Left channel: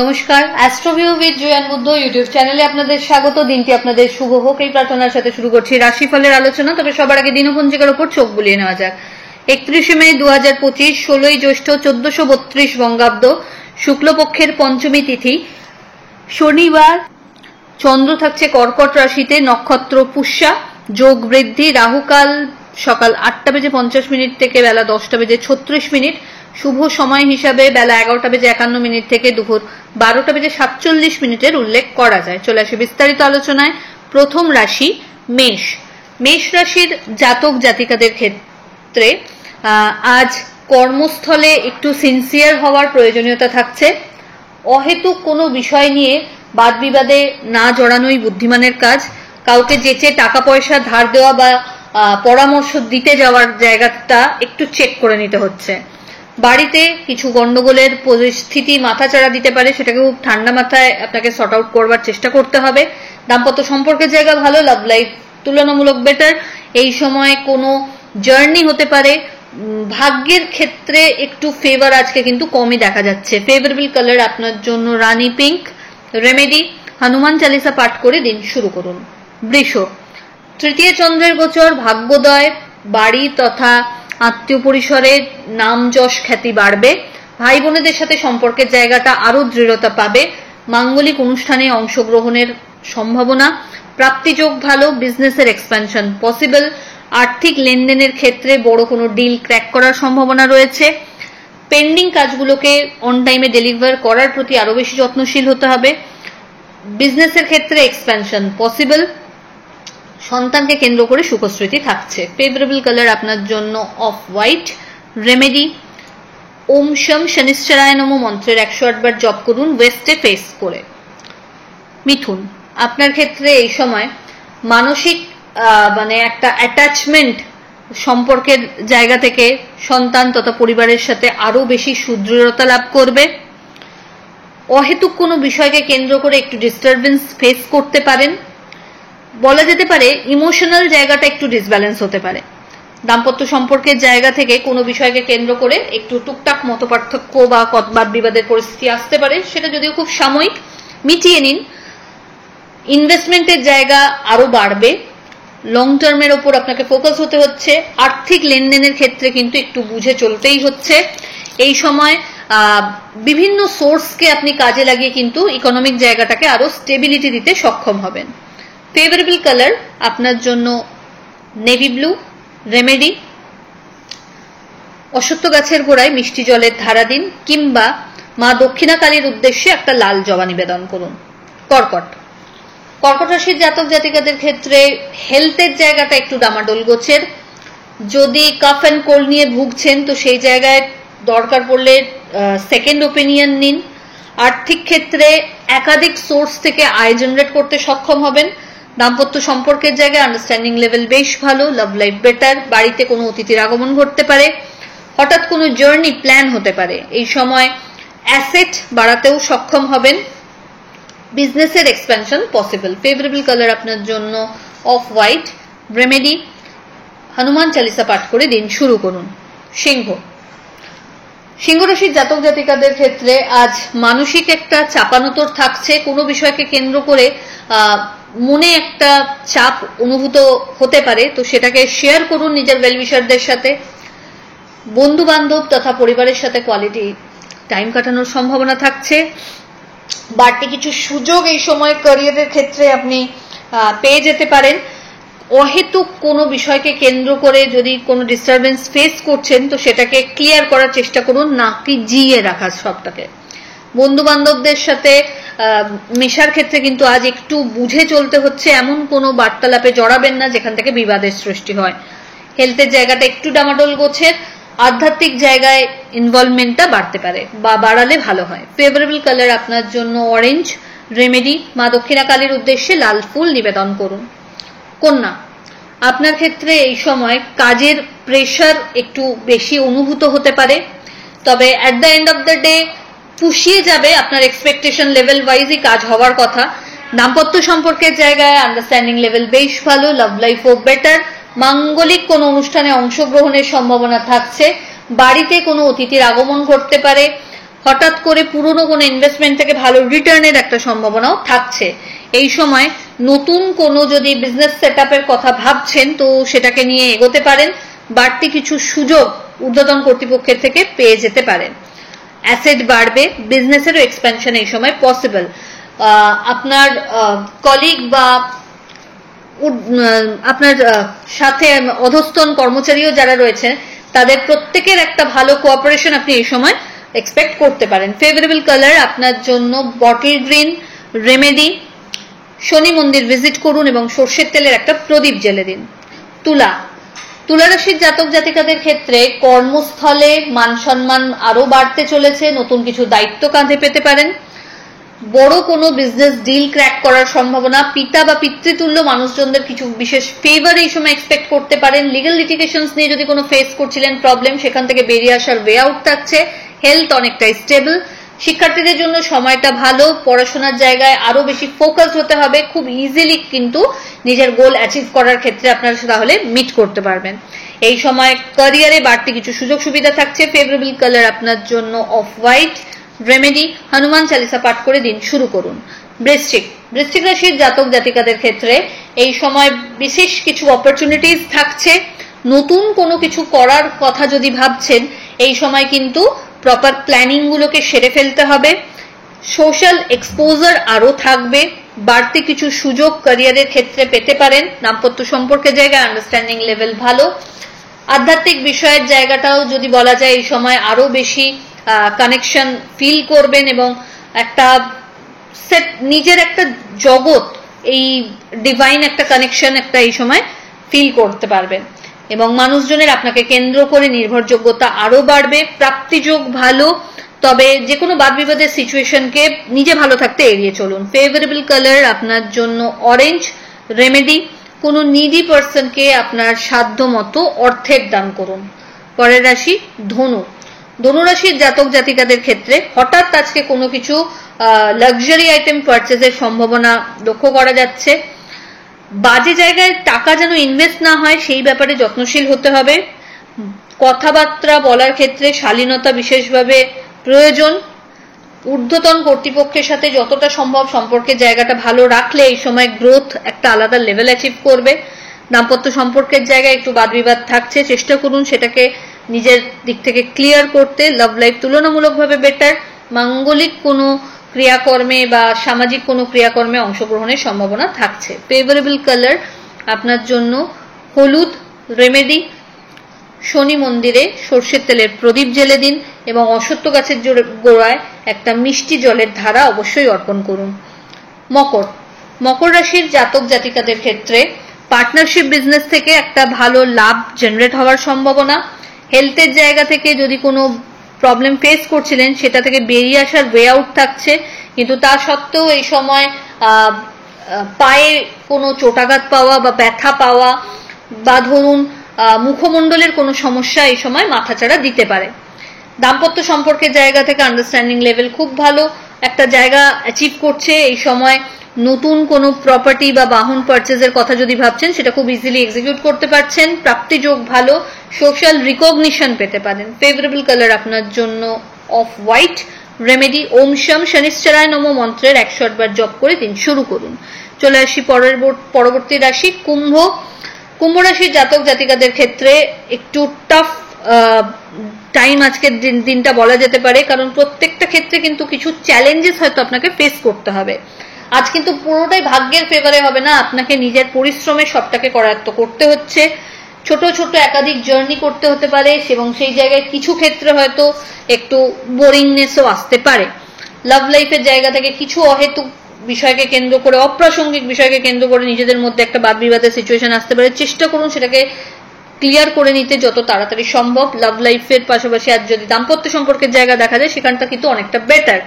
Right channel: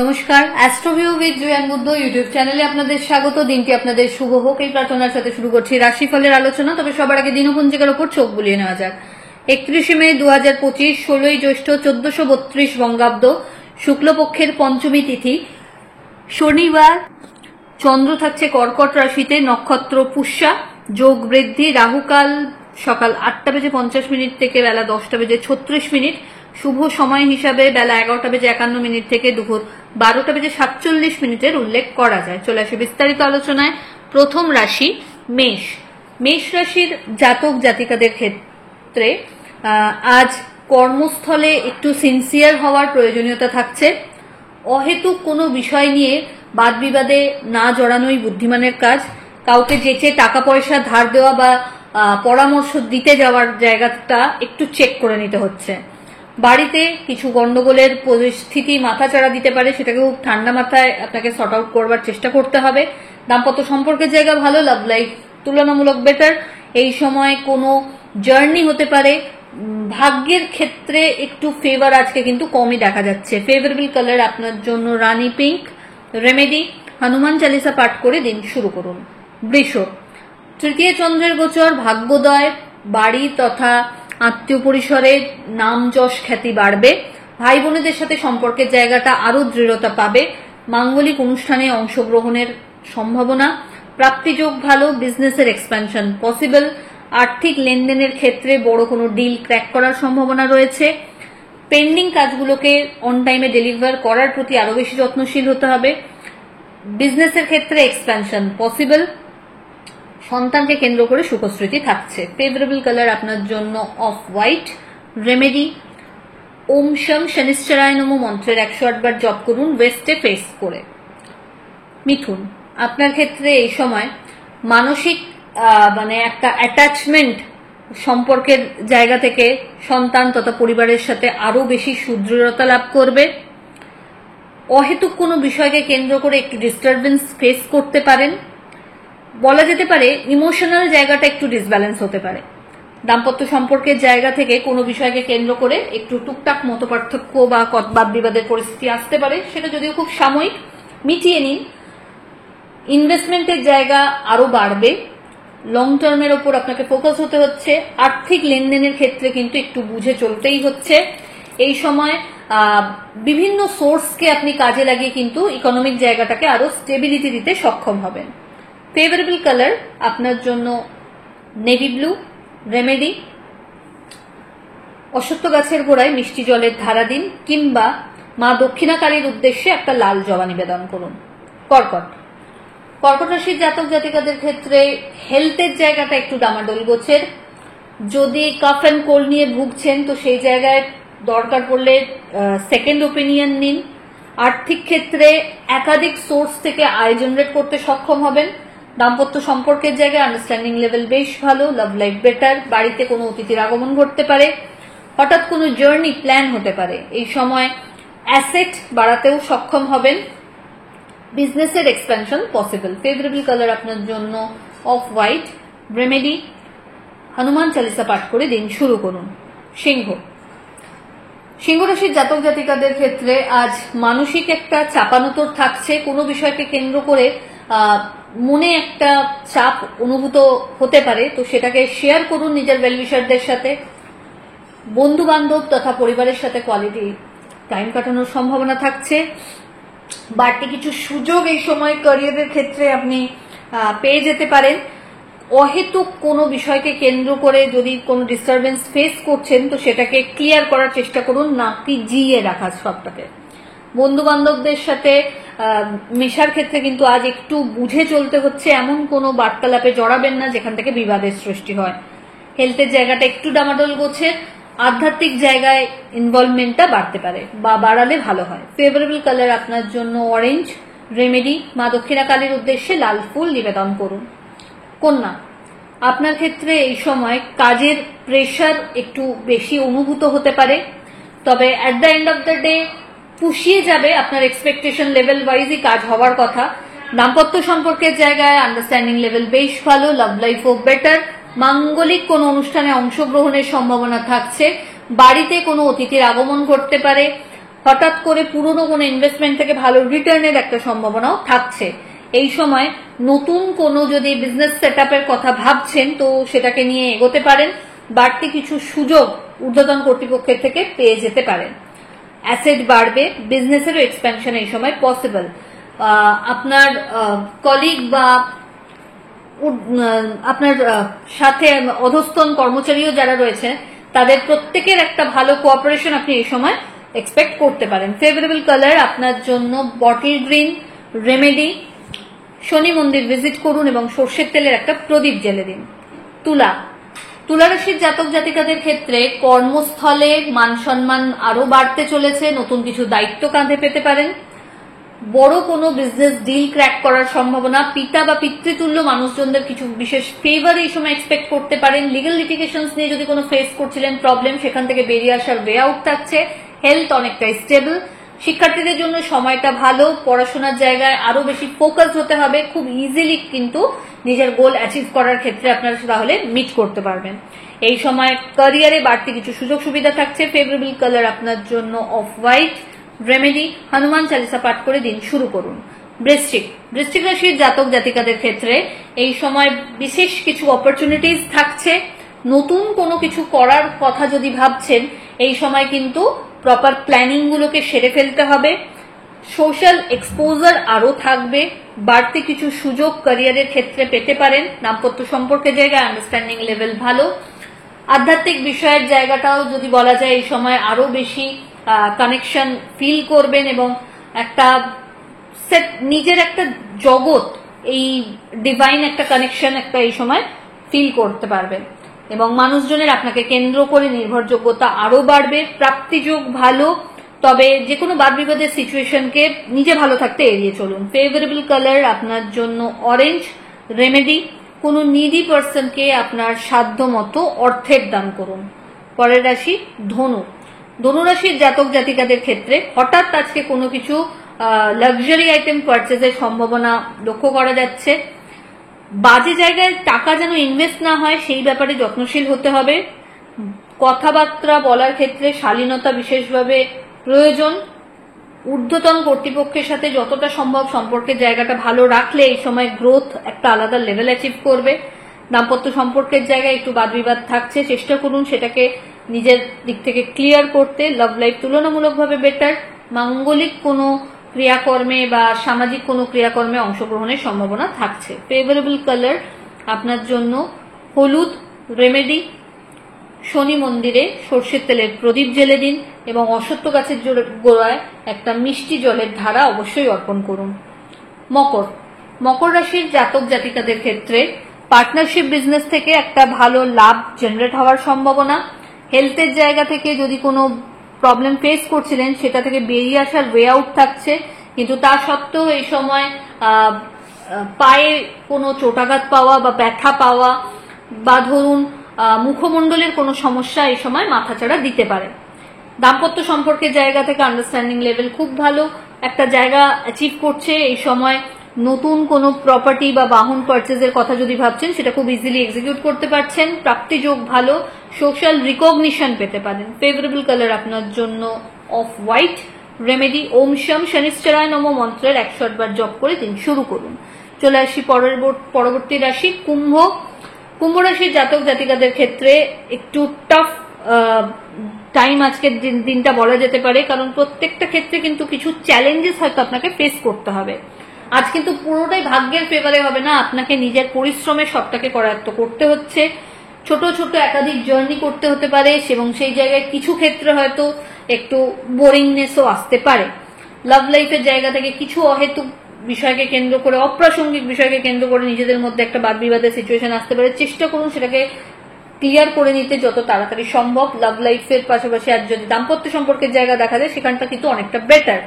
নমস্কার, অ্যাস্ট্রোভিউ with জয়ান Buddha YouTube চ্যানেলে আপনাদের স্বাগত। দিনটি আপনাদের শুভ হোক এই প্রার্থনার সাথে শুরু করছি রাশিফলের আলোচনা। তবে সবার আগে দিনপঞ্জিকার উপর চোখ বুলিয়ে নেওয়া যাক। 31শে মে 2025, 16ই জ্যৈষ্ঠ 1432 বঙ্গাব্দ, শুক্লপক্ষের পঞ্চমী তিথি, শনিবার। চন্দ্র থাকছে কর্কট রাশিতে, নক্ষত্র পুষ্যা, যোগ বৃদ্ধি, রাহুকাল সকাল 8:50 থেকে বেলা 10:36, শুভ সময় হিসাবে বেলা 11:51 থেকে দুপুর 12:47 উল্লেখ করা যায়। চলে আসে বিস্তারিত আলোচনায়। প্রথম রাশি মেষ। মেষ রাশির জাতক জাতিকাদের ক্ষেত্রে আজ কর্মস্থলে একটু সিনসিয়ার হওয়ার প্রয়োজনীয়তা থাকছে। অহেতুক কোনো বিষয় নিয়ে বাদ বিবাদে না জড়ানোই বুদ্ধিমানের কাজ। কাউকে যেচে টাকা পয়সা ধার দেওয়া বা পরামর্শ দিতে যাওয়ার জায়গাটা একটু চেক করে নিতে হচ্ছে। বাড়িতে কিছু গন্ডগোলের পরিস্থিতি মাথাচাড়া দিতে পারে, সেটাকে খুব ঠান্ডা মাথায় আপনাকে সর্ট আউট করবার চেষ্টা করতে হবে। দাম্পত্য সম্পর্কের জায়গা ভালো, লাভ লাইফ তুলনামূলক বেটার। এই সময় কোনো জার্নি হতে পারে। ভাগ্যের ক্ষেত্রে একটু ফেভার আজকে কিন্তু কমই দেখা যাচ্ছে। ফেভারেবল কালার আপনার জন্য রানী পিঙ্ক। রেমেডি, হনুমান চালিসা পাঠ করে দিন শুরু করুন। বৃষ। তৃতীয় চন্দ্রের গোচর, ভাগ্যোদয়, বাড়ি তথা আত্মীয় পরিসরের নাম যশ খ্যাতি বাড়বে। ভাই বোনেদের সাথে সম্পর্কের জায়গাটা আরো দৃঢ়তা পাবে। মাঙ্গলিক অনুষ্ঠানে অংশগ্রহণের সম্ভাবনা। প্রাপ্তিযোগ ভালো, বিজনেসের এক্সপ্যানশন পসিবল। আর্থিক লেনদেনের ক্ষেত্রে বড় কোনো ডিল ক্র্যাক করার সম্ভাবনা রয়েছে। পেন্ডিং কাজগুলোকে অন টাইমে ডেলিভার করার প্রতি আরো বেশি যত্নশীল হতে হবে। বিজনেসের ক্ষেত্রে এক্সপ্যানশন পসিবল। সন্তানকে কেন্দ্র করে সুখস্মৃতি থাকছে। ফেভারেবল কালার আপনার জন্য অফ হোয়াইট। রেমেডি, ওম শম শনিশ্চরায় নমঃ মন্ত্রের 108 বার জপ করুন ওয়েস্টে ফেস করে। মিথুন। আপনার ক্ষেত্রে এই সময় মানসিক একটা অ্যাটাচমেন্ট সম্পর্কের জায়গা থেকে সন্তান তথা পরিবারের সাথে আরো বেশি সুদৃঢ়তা লাভ করবে। অহেতুক কোনো বিষয়কে কেন্দ্র করে একটু ডিস্টারবেন্স ফেস করতে পারেন। বলা যেতে পারে ইমোশনাল জায়গাটা একটু ডিসব্যালেন্স হতে পারে। দাম্পত্য সম্পর্কের জায়গা থেকে কোনো বিষয়কে কেন্দ্র করে একটু টুকটাক মতপার্থক্য বা বাদ বিবাদের পরিস্থিতি আসতে পারে, সেটা যদিও খুব সাময়িক, মিটিয়ে নিন। ইনভেস্টমেন্টের জায়গা আরো বাড়বে। লং টার্মের ওপর আপনাকে ফোকাস হতে হচ্ছে। আর্থিক লেনদেনের ক্ষেত্রে কিন্তু একটু বুঝে চলতেই হচ্ছে। এই সময় বিভিন্ন সোর্সকে আপনি কাজে লাগিয়ে কিন্তু ইকোনমিক জায়গাটাকে আরো স্টেবিলিটি দিতে সক্ষম হবেন। ফেভারেবল কালার আপনার জন্য নেভি ব্লু। রেমেডি, অশ্বত্থ গাছের গোড়ায় মিষ্টি জলের ধারা দিন কিংবা মা দক্ষিণা কালীর উদ্দেশ্যে একটা লাল জবা নিবেদন করুন। কর্কট। কর্কট রাশির জাতক জাতিকাদের ক্ষেত্রে হেলথের জায়গাটা একটু ডামাডোল গোছের। যদি কাফ অ্যান্ড কোল্ড নিয়ে ভুগছেন তো সেই জায়গায় দরকার পড়লে সেকেন্ড ওপিনিয়ন নিন। আর্থিক ক্ষেত্রে একাধিক সোর্স থেকে আয় জেনারেট করতে সক্ষম হবেন। দাম্পত্য সম্পর্কের জায়গায় আন্ডারস্ট্যান্ডিং লেভেল বেশ ভালো, লাভ লাইফ বেটার। বাড়িতে কোনো অতিথির আগমন ঘটতে পারে। হঠাৎ কোনো জার্নি প্ল্যান হতে পারে। এই সময় অ্যাসেট বাড়াতেও সক্ষম হবেন। বিজনেসের এক্সপ্যানশন পসিবল। ফেভারেবল কালার আপনার জন্য off white. Remedy, Hanuman Chalisa পাঠ করে দিন শুরু করুন। সিংহ। সিংহ রাশির জাতক জাতিকাদের ক্ষেত্রে আজ মানসিক একটা চাপানোতর থাকছে। কোনো বিষয়কে কেন্দ্র করে মনে একটা চাপ অনুভূত হতে পারে, তো সেটাকে শেয়ার করুন নিজের ওয়েলউইশারদের সাথে। বন্ধু বান্ধব তথা পরিবারের সাথে কোয়ালিটি টাইম কাটানোর সম্ভাবনা থাকছে। বাড়তি কিছু সুযোগ এই সময় ক্যারিয়ারের ক্ষেত্রে আপনি পেয়ে যেতে পারেন। অহেতুক কোনো বিষয়কে কেন্দ্র করে যদি কোনো ডিস্টারবেন্স ফেস করছেন তো সেটাকে ক্লিয়ার করার চেষ্টা করুন, না কি জিয়ে রাখা সবটাকে। বন্ধু বান্ধবদের সাথে মেশার ক্ষেত্রে কিন্তু আজ একটু বুঝে চলতে হচ্ছে। এমন কোনো বার্তালাপে জড়াবেন না যেখান থেকে বিবাদের সৃষ্টি হয়। হেলথের জায়গাটা একটু ডামাডোল গোছের। আধ্যাত্মিক জায়গায় ইনভলভমেন্টটা বাড়তে পারে বা বাড়ালে ভালো হয়। ফেভারেবল কালার আপনার জন্য অরেঞ্জ। রেমেডি, মা দক্ষিণা কালীর উদ্দেশ্যে লাল ফুল নিবেদন করুন। কন্যা। আপনার ক্ষেত্রে এই সময় কাজের প্রেশার একটু বেশি অনুভূত হতে পারে, তবে at the end of the day পুষিয়ে যাবে। আপনার এক্সপেকটেশন লেভেল ওয়াইজই কাজ হওয়ার কথা। দাম্পত্য সম্পর্কের জায়গায় আন্ডারস্ট্যান্ডিং লেভেল বেশ ভালো, লাভ লাইফও বেটার। মাঙ্গলিক কোনো অনুষ্ঠানে অংশগ্রহণের সম্ভাবনা থাকছে। বাড়িতে কোনো অতিথির আগমন ঘটতে পারে। হঠাৎ করে পুরনো কোনো ইনভেস্টমেন্ট থেকে ভালো রিটার্নের একটা সম্ভাবনাও থাকছে। এই সময় নতুন কোনো যদি বিজনেস সেটআপের কথা ভাবছেন তো সেটাকে নিয়ে এগোতে পারেন। বাড়তি কিছু সুযোগ ঊর্ধ্বতন কর্তৃপক্ষের থেকে পেয়ে যেতে পারেন। অ্যাসেট বাড়বে, বিজনেসেরও এক্সপ্যানশন এই সময় পসিবল। আপনার কলিগ বা আপনার সাথে অধস্তন কর্মচারীও যারা রয়েছে তাদের প্রত্যেকের একটা ভালো কোঅপারেশন আপনি এই সময় এক্সপেক্ট করতে পারেন। ফেভারেবল কালার আপনার জন্য বটল গ্রিন। রেমেডি, শনি মন্দির ভিজিট করুন এবং সর্ষের তেলের একটা প্রদীপ জ্বেলে দিন। তুলা, তুলা রাশির জাতক জাতিকাদের ক্ষেত্রে কর্মস্থলে মান সম্মান আরো বাড়তে চলেছে, নতুন কিছু দায়িত্ব কাঁধে পেতে পারেন। বড় কোনো বিজনেস ডিল ক্র্যাক করার সম্ভাবনা, পিতা বা পিতৃতুল্য মানুষজনদের কিছু বিশেষ ফেভার এই সময় এক্সপেক্ট করতে পারেন। লিগ্যাল লিটিগেশনস নিয়ে যদি কোনো ফেস করছিলেন প্রবলেম, সেখান থেকে বেরিয়ে আসার ওয়ে আউট থাকছে। হেলথ অনেকটাই স্টেবল। শিক্ষার্থীদের জন্য সময়টা ভালো, পড়াশোনার জায়গায় আরো বেশি ফোকাস হতে হবে। খুব ইজিলি কিন্তু নিজের গোল অ্যাচিভ করার ক্ষেত্রে আপনারা তাহলে মিট করতে পারবেন। এই সময় ক্যারিয়ারে বাড়তি কিছু সুযোগ সুবিধা থাকছে। ফেভারেবল কালার আপনার জন্য off white. Remedy, Hanuman Chalisa পাঠ করে দিন শুরু করুন। বৃশ্চিক, বৃশ্চিক রাশির জাতক জাতিকাদের ক্ষেত্রে এই সময় বিশেষ কিছু অপরচুনিটিস থাকছে। নতুন কোনো কিছু করার কথা যদি ভাবছেন এই সময় কিন্তু প্রপার প্ল্যানিং গুলোকে সেরে ফেলতে হবে। সোশ্যাল এক্সপোজার আরো থাকবে। বাড়তি কিছু সুযোগ ক্যারিয়ারের ক্ষেত্রে পেতে পারেন। দাম্পত্য সম্পর্কের জায়গায় আন্ডারস্ট্যান্ডিং লেভেল ভালো। আধ্যাত্মিক বিষয়ের জায়গাটাও যদি বলা যায় এই সময় আরো বেশি কানেকশন ফিল করবেন এবং একটা সেট নিজের একটা জগৎ, এই ডিভাইন একটা কানেকশন একটা এই সময় ফিল করতে পারবেন এবং মানুষজনের আপনাকে কেন্দ্র করে নির্ভরযোগ্যতা আরো বাড়বে। প্রাপ্তিযোগ ভালো, তবে যে কোনো বাদ বিবাদের সিচুয়েশনকে নিজে ভালো থাকতে এড়িয়ে চলুন। ফেভারেবল কালার আপনার জন্য অরেঞ্জ। রেমেডি, কোনো নিডি পার্সনকে আপনার সাধ্য মতো অর্থের দান করুন। পরের রাশি ধনু। ধনুরাশির জাতক জাতিকাদের ক্ষেত্রে হঠাৎ আজকে কোনো কিছু লাক্সারি আইটেম পারচেজের সম্ভাবনা লক্ষ্য করা যাচ্ছে। বাজে জায়গায় টাকা যেন ইনভেস্ট না হয় সেই ব্যাপারে যত্নশীল হতে হবে। কথাবার্তা বলার ক্ষেত্রে শালীনতা বিশেষভাবে প্রয়োজন। ঊর্ধ্বতন কর্তৃপক্ষের সাথে যতটা সম্ভব সম্পর্কের জায়গাটা ভালো রাখলে এই সময় গ্রোথ একটা আলাদা লেভেল অ্যাচিভ করবে। দাম্পত্য সম্পর্কের জায়গায় একটু বাদ বিবাদ থাকছে, চেষ্টা করুন সেটাকে নিজের দিক থেকে ক্লিয়ার করতে। লাভ লাইফ তুলনামূলকভাবে বেটার। মাঙ্গলিক কোনো ক্রিয়াকর্মে বা সামাজিক কোনো ক্রিয়াকর্মে অংশগ্রহণের সম্ভাবনা থাকছে। ফেভারেবল কালার আপনার জন্য হলুদ। রেমেডি, শনি মন্দিরে সর্ষের তেলের প্রদীপ জ্বেলে দিন এবং অশ্বত্থ গাছের গোড়ায় একটা মিষ্টি জলের ধারা অবশ্যই অর্পণ করুন। মকর, মকর রাশির জাতক জাতিকাদের ক্ষেত্রে পার্টনারশিপ বিজনেস থেকে একটা ভালো লাভ জেনারেট হওয়ার সম্ভাবনা। হেলথের জায়গা থেকে যদি কোনো প্রবলেম ফেস করছিলেন সেটা থেকে বেরিয়ে আসার ওয়ে আউট থাকছে, কিন্তু তা সত্ত্বেও এই সময় পায়ে কোনো চোটাঘাত পাওয়া বা ব্যথা পাওয়া বা ধরুন মুখমণ্ডলের কোনো সমস্যা এই সময় মাথাচাড়া দিতে পারে। দাম্পত্য সম্পর্কের জায়গা থেকে আন্ডারস্ট্যান্ডিং লেভেল খুব ভালো একটা জায়গা অ্যাচিভ করছে। এই সময় নতুন কোনো প্রপার্টি বা বাহন পারচেজের কথা যদি ভাবছেন সেটা খুব ইজিলি এক্সিকিউট করতে পারছেন। প্রাপ্তিযোগ ভালো, সোশ্যাল রিকগনিশন পেতে পারেন। ফেভারেবল কালার আপনার জন্য অফ হোয়াইট। রেমেডি, ওম শম শনিশ্চরায় নমঃ মন্ত্রের 108 বার জপ করে দিন শুরু করুন। চলে আসি পরবর্তী রাশি কুম্ভ। কুম্ভ রাশির জাতক জাতিকাদের ক্ষেত্রে একটু টাফ টাইম আজকের দিনটা বলা যেতে পারে, কারণ প্রত্যেকটা ক্ষেত্রে কিন্তু কিছু চ্যালেঞ্জেস হয়তো আপনাকে ফেস করতে হবে। আজ কিন্তু পুরোটাই ভাগ্যের ফেভারে হবে না, আপনাকে নিজের পরিশ্রমে সবটাকে করায়ত্ত করতে হচ্ছে। ছোট ছোট একাধিক জার্নি করতে হতে পারে এবং সেই জায়গায় কিছু ক্ষেত্রে হয়তো একটু বোরিংনেসও আসতে পারে। লাভ লাইফের জায়গা থেকে কিছু অহেতুক বিষয়কে কেন্দ্র করে, অপ্রাসঙ্গিক বিষয়কে কেন্দ্র করে নিজেদের মধ্যে একটা বাদ বিবাদের সিচুয়েশন আসতে পারে। চেষ্টা করুন সেটাকে ক্লিয়ার করে নিতে যত তাড়াতাড়ি সম্ভব। লাভ লাইফের পাশাপাশি আর যদি দাম্পত্য সম্পর্কের জায়গা দেখা যায় সেখানটা কিন্তু অনেকটা বেটার।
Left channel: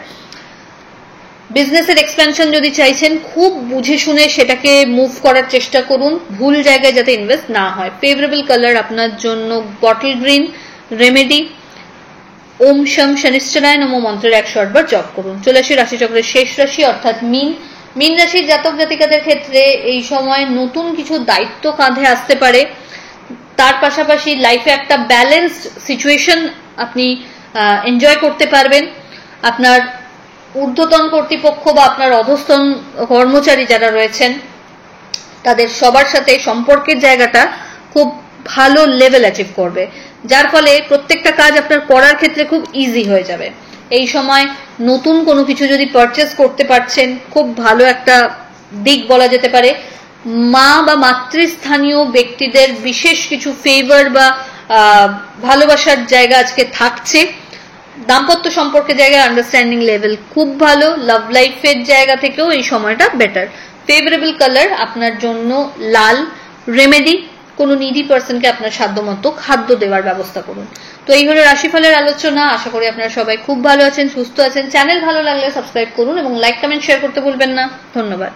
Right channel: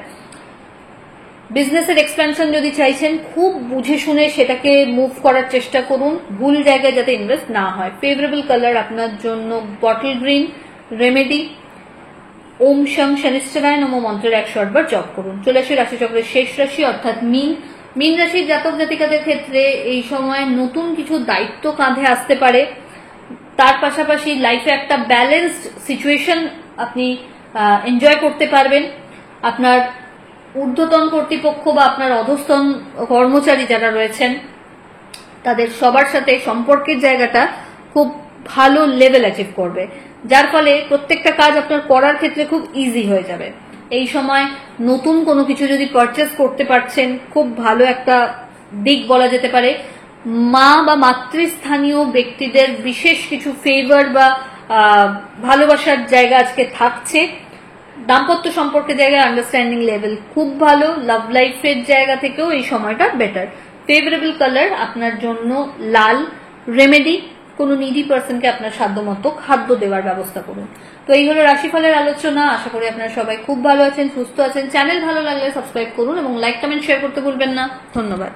বিজনেসের এক্সপেনশন যদি চাইছেন খুব বুঝে শুনে সেটাকে মুভ করার চেষ্টা করুন, ভুল জায়গায় যাতে ইনভেস্ট না হয়। ফেভারেবল কালার আপনার জন্য বটল গ্রিন। রেমেডি, ওম শম শনিশ্চরায় নমঃ মন্ত্রের 108 বার জপ করুন। চলে আসি রাশিচক্রের শেষ রাশি অর্থাৎ মীন। মীন রাশির জাতক জাতিকাদের ক্ষেত্রে এই সময় নতুন কিছু দায়িত্ব কাঁধে আসতে পারে। তার পাশাপাশি লাইফে একটা ব্যালেন্সড সিচুয়েশন আপনি এনজয় করতে পারবেন। আপনার ঊর্ধ্বতন কর্তৃপক্ষ বা আপনার অধস্তন কর্মচারী যারা রয়েছেন তাদের সবার সাথে সম্পর্কের জায়গাটা খুব ভালো লেভেল অ্যাচিভ করবে, যার ফলে প্রত্যেকটা কাজ আপনার করার ক্ষেত্রে খুব ইজি হয়ে যাবে। এই সময় নতুন কোনো কিছু যদি পারচেস করতে পারছেন, খুব ভালো একটা দিক বলা যেতে পারে। মা বা মাতৃস্থানীয় ব্যক্তিদের বিশেষ কিছু ফেভার বা ভালোবাসার জায়গা আজকে থাকছে। দাম্পত্য সম্পর্কের জায়গায় আন্ডারস্ট্যান্ডিং লেভেল খুব ভালো। লাভ লাইফের জায়গা থেকেও এই সময়টা বেটার। ফেভারেবল কালার আপনার জন্য লাল। রেমেডি, কোনো নিডি পার্সনকে আপনার সাধ্যমতো খাদ্য দেওয়ার ব্যবস্থা করুন। তো এই হলো রাশিফলের আলোচনা। আশা করি আপনারা সবাই খুব ভালো আছেন, সুস্থ আছেন। চ্যানেল ভালো লাগলে সাবস্ক্রাইব করুন এবং লাইক কমেন্ট শেয়ার করতে ভুলবেন না। ধন্যবাদ।